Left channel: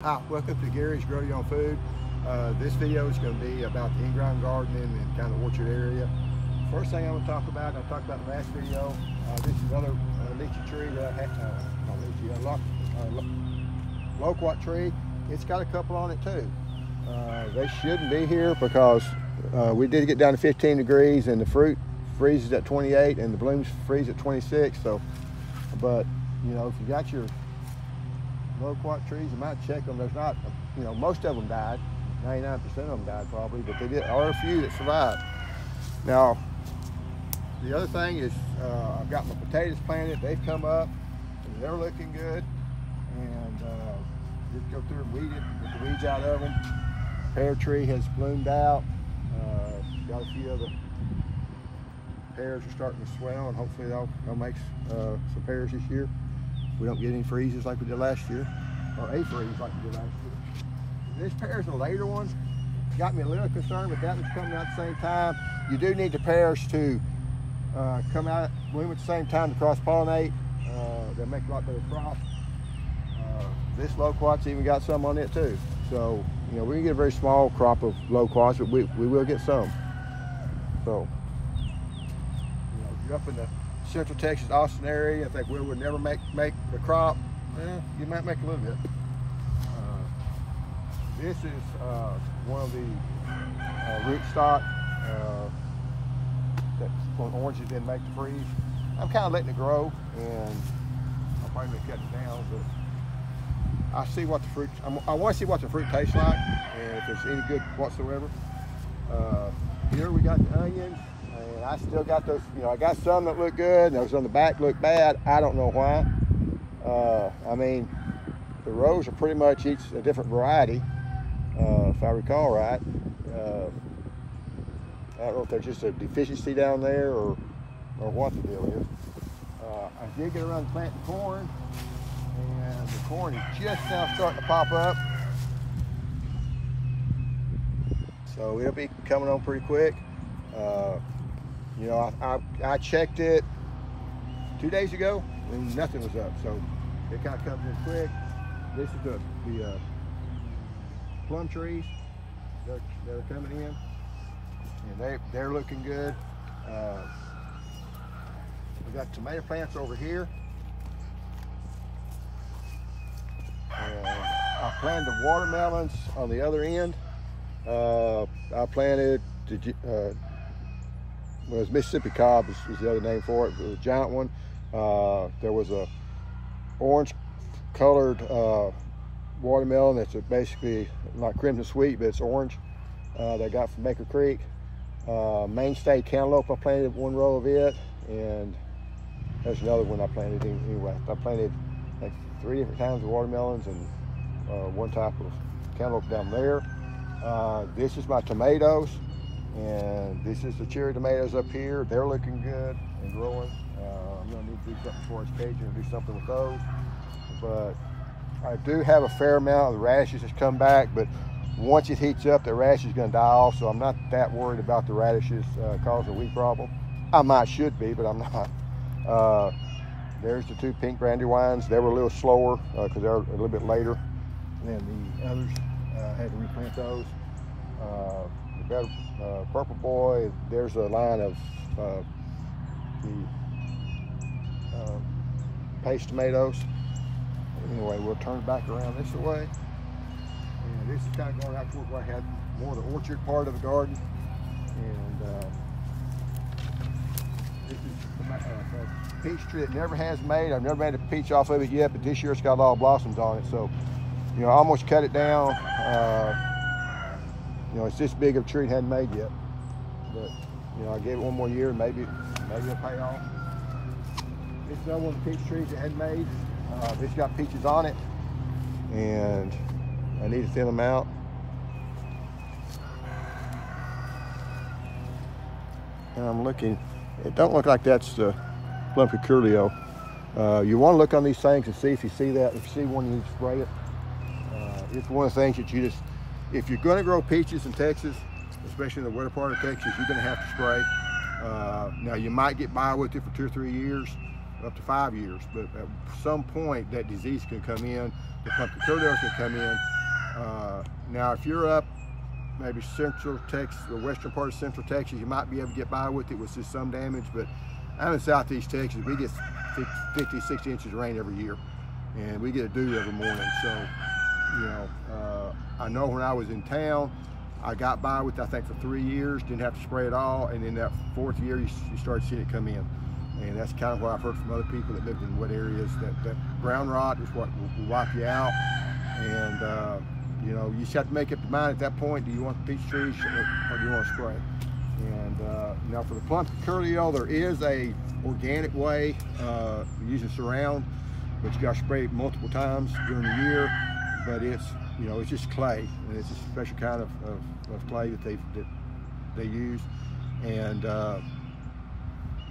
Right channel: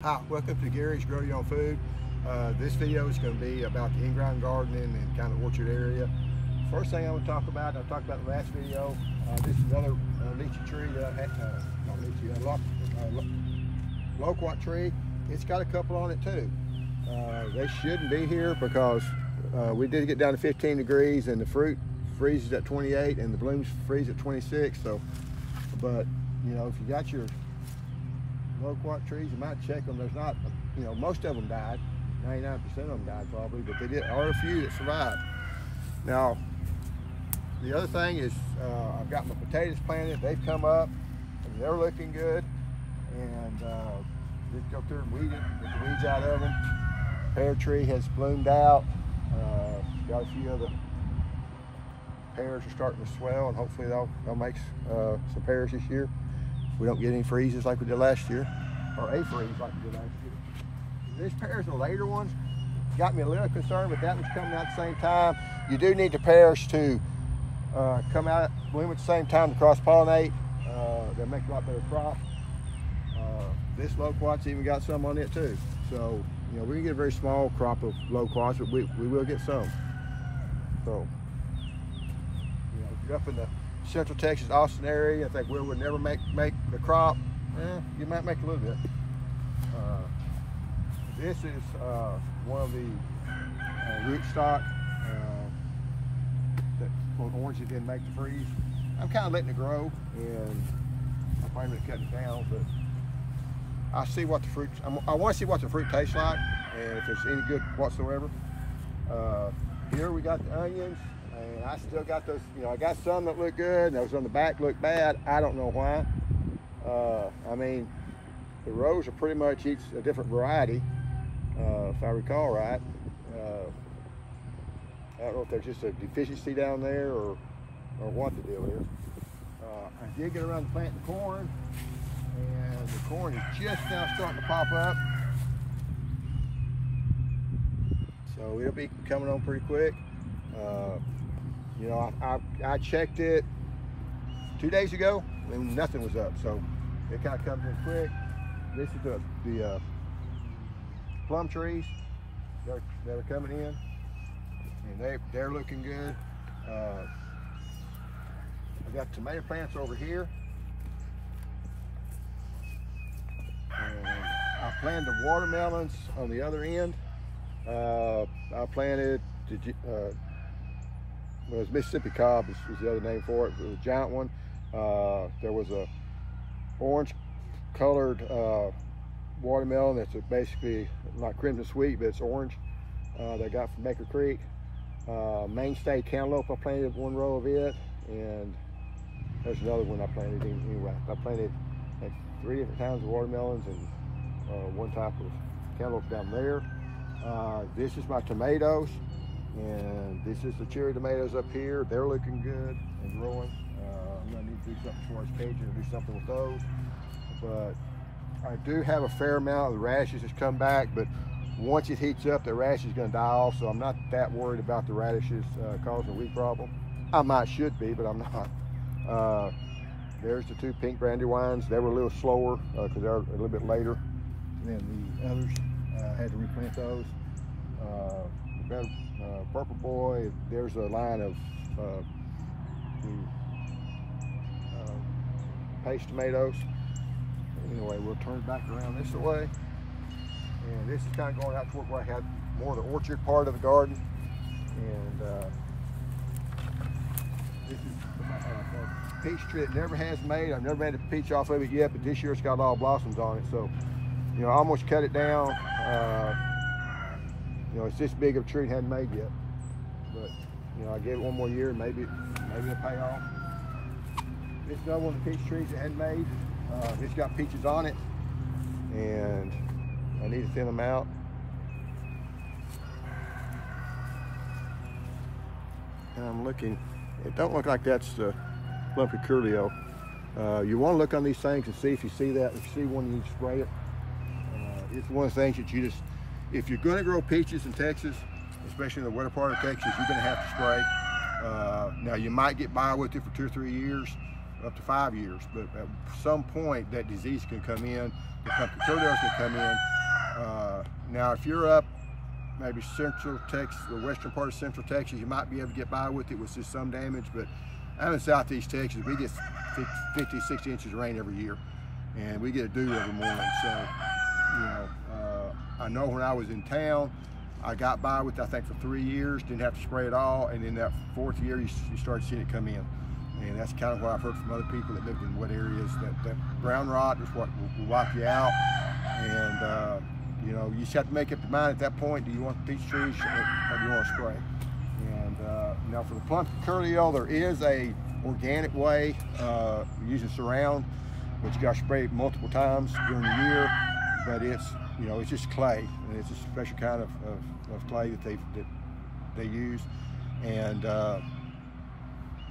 Hi, welcome to Gary's Grow Your Own Food. This video is going to be about the in-ground gardening and kind of orchard area. First thing I want to talk about, I talked about in the last video, this is another lychee tree that I had, not lychee, loquat tree. It's got a couple on it too. They shouldn't be here because we did get down to 15 degrees and the fruit freezes at 28 and the blooms freeze at 26. So, but you know, if you got your loquat trees, you might check them. There's not, you know, most of them died. 99% of them died probably, but there are a few that survived. Now, the other thing is I've got my potatoes planted. They've come up and they're looking good. And just go through and weed it, get the weeds out of them. Pear tree has bloomed out. Got a few other pears are starting to swell, and hopefully they'll make some pears this year. We don't get any freezes like we did last year, or a freeze like we did last year. This pear is a later one. Got me a little concerned, but that was coming out at the same time. You do need the pears to come out, bloom at the same time to cross-pollinate. They make a lot better crop. This loquat's even got some on it too. So, you know, we can get a very small crop of loquats, but we will get some. So, you know, if you're up in the Central Texas, Austin area, I think we would never make the crop. You might make a little bit. This is one of the rootstock that orange that didn't make the freeze. I'm kind of letting it grow, and I'll probably cut it down, but I see what the fruit. I want to see what the fruit tastes like, and if there's any good whatsoever. Here we got the onions. And I still got those, you know, I got some that look good, and those on the back look bad. I don't know why. I mean, the rows are pretty much each a different variety, if I recall right. I don't know if there's just a deficiency down there or what the deal is. I did get around to planting corn, and the corn is just now starting to pop up. So it'll be coming on pretty quick. You know, I checked it 2 days ago and nothing was up, so it kind of comes in quick. This is the plum trees that are coming in, and they're looking good. I got tomato plants over here, and I planted the watermelons on the other end. I planted well, it's Mississippi cob is the other name for it. It was a giant one. There was a orange colored watermelon that's basically not crimson sweet, but it's orange, that I got from Baker Creek. Mainstay cantaloupe, I planted one row of it, and there's another one I planted anyway. I planted like 3 different kinds of watermelons and one type of cantaloupe down there. This is my tomatoes. And this is the cherry tomatoes up here. They're looking good and growing. I'm gonna need to do something for its caging and do something with those. But I do have a fair amount of the radishes that's come back, but once it heats up, the radish is gonna die off, so I'm not that worried about the radishes causing a weed problem. I should be, but I'm not. There's the 2 pink brandywines. They were a little slower because they're a little bit later than the others. I had to replant those. Purple boy, there's a line of the paste tomatoes. Anyway, we'll turn back around this way. And this is kind of going out toward where I had more of the orchard part of the garden. And this is the peach tree it never has made. I've never made a peach off of it yet, but this year it's got a lot of blossoms on it. So, you know, I almost cut it down. You know, it's this big of a tree it hadn't made yet. But, you know, I gave it one more year and maybe it'll pay off. This is another one of the peach trees that hadn't made. This got peaches on it, and I need to thin them out. And I'm looking, it don't look like that's the plum curculio. You want to look on these things and see if you see that. If you see one, you need to spray it. It's one of the things that you just, if you're going to grow peaches in Texas, especially in the winter part of Texas, you're going to have to spray. Now, you might get by with it for 2 or 3 years, up to 5 years, but at some point that disease can come in the pumpkin curlews can come in. Now, if you're up maybe central Texas, the western part of central Texas, you might be able to get by with it with just some damage, but I'm in southeast Texas, we get 50, 60 inches of rain every year, and we get a dew every morning. So, you know, I know when I was in town, I got by with it, I think, for 3 years, didn't have to spray at all, and then that 4th year, you started seeing it come in. And that's kind of what I've heard from other people that lived in wet areas, that brown rot is what will wipe you out. And, you know, you just have to make up your mind at that point, do you want the peach trees or do you want to spray? And now for the pumpkin curlew, there is a organic way, using Surround, but you got to spray it multiple times during the year. But it's, you know, it's just clay, and it's a special kind of clay that they use. And,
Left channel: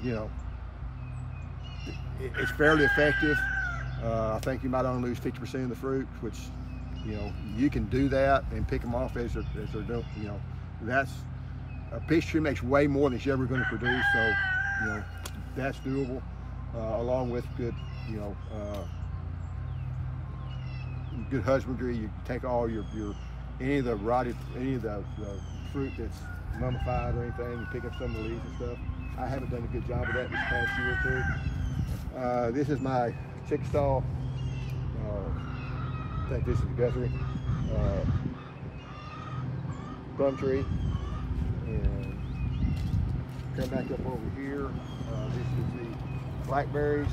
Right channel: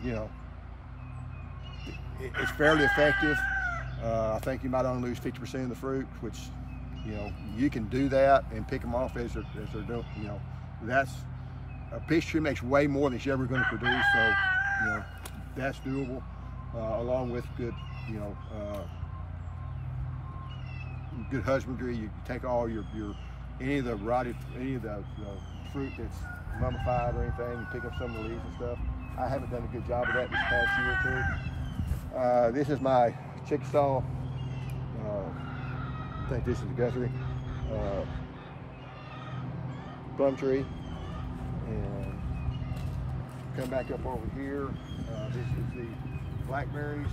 you know, it's fairly effective. I think you might only lose 50% of the fruit, which, you know, you can do that and pick them off as they're doing. You know, that's a peach tree makes way more than it's ever going to produce. So, you know, that's doable, along with good, you know, good husbandry. You take all your any of the fruit that's mummified or anything, you pick up some of the leaves and stuff. I haven't done a good job of that this past year or two. This is my Chickasaw, I think this is Guthrie, plum tree. And come back up over here. This is the blackberries.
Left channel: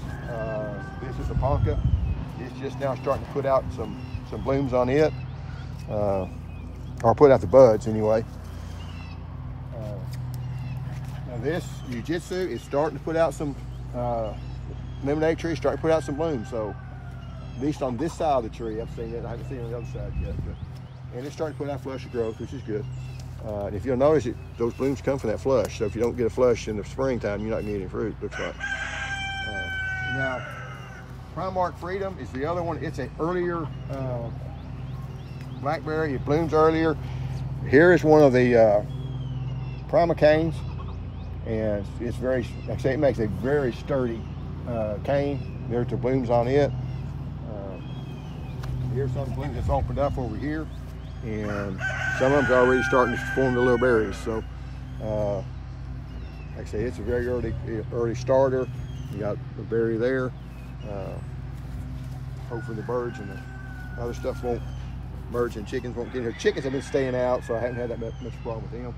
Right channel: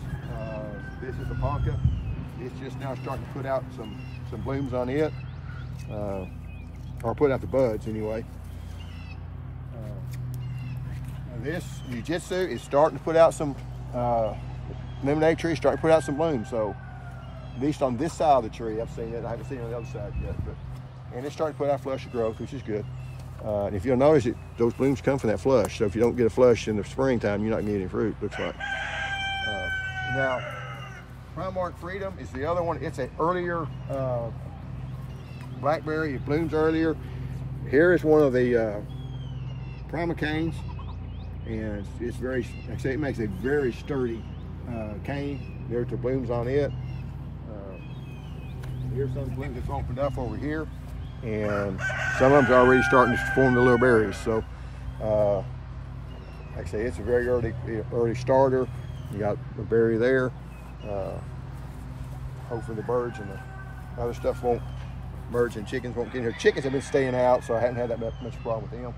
This is the ponca. It's just now starting to put out some blooms on it, or put out the buds anyway. Now this Jiu-Jitsu is starting to put out some lemonade tree, starting to put out some blooms. So at least on this side of the tree, I've seen it. I haven't seen it on the other side yet, and it's starting to put out flush of growth, which is good. If you'll notice it, those blooms come from that flush. So if you don't get a flush in the springtime, you're not gonna get any fruit, looks like. Now, Primark Freedom is the other one. It's an earlier blackberry. It blooms earlier. Here is one of the Prima-canes, and it's very, like I say, it makes a very sturdy cane. There's the blooms on it. Here's some blooms that's opened up over here, and some of them's already starting to form the little berries. So, like I say, it's a very early starter. You got the berry there. Hopefully the birds and the other stuff won't, birds and chickens won't get in here. Chickens have been staying out, so I haven't had that much problem with them.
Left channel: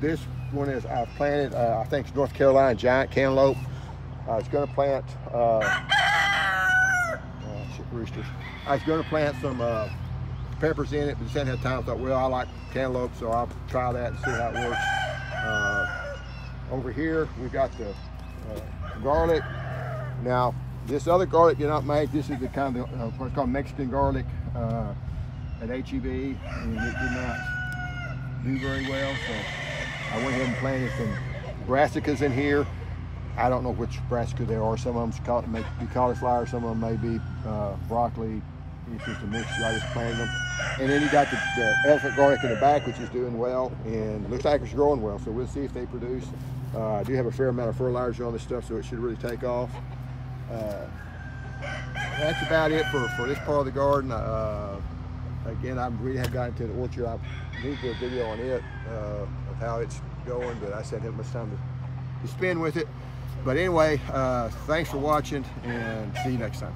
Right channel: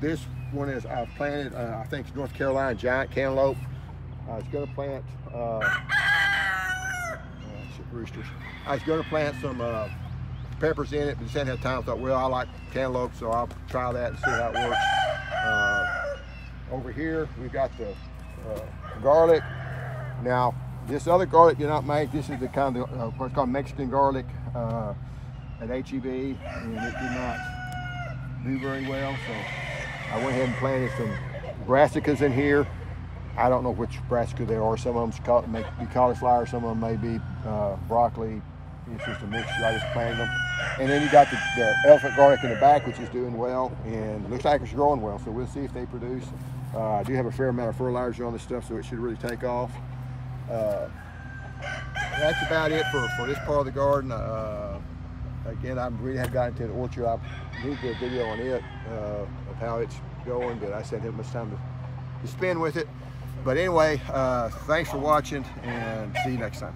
This one is, I've planted, I think it's North Carolina giant cantaloupe. It's going to plant, roosters. I was going to plant some peppers in it, but just hadn't had time. I thought, well, I like cantaloupe, so I'll try that and see how it works. Over here, we've got the garlic. Now, this other garlic did not make. This is the kind of what's called Mexican garlic at HEB, and it did not do very well. So I went ahead and planted some brassicas in here. I don't know which brassica they are. Some of them may be cauliflower, some of them may be broccoli. It's just a mixture. I just planted them. And then you got the elephant garlic in the back, which is doing well, and looks like it's growing well. So we'll see if they produce. I do have a fair amount of fertilizer on this stuff, so it should really take off. That's about it for this part of the garden. Again, I really haven't gotten to the orchard. I need to do a video on it, of how it's going, but I said it was time to spend with it. But anyway, thanks for watching, and see you next time.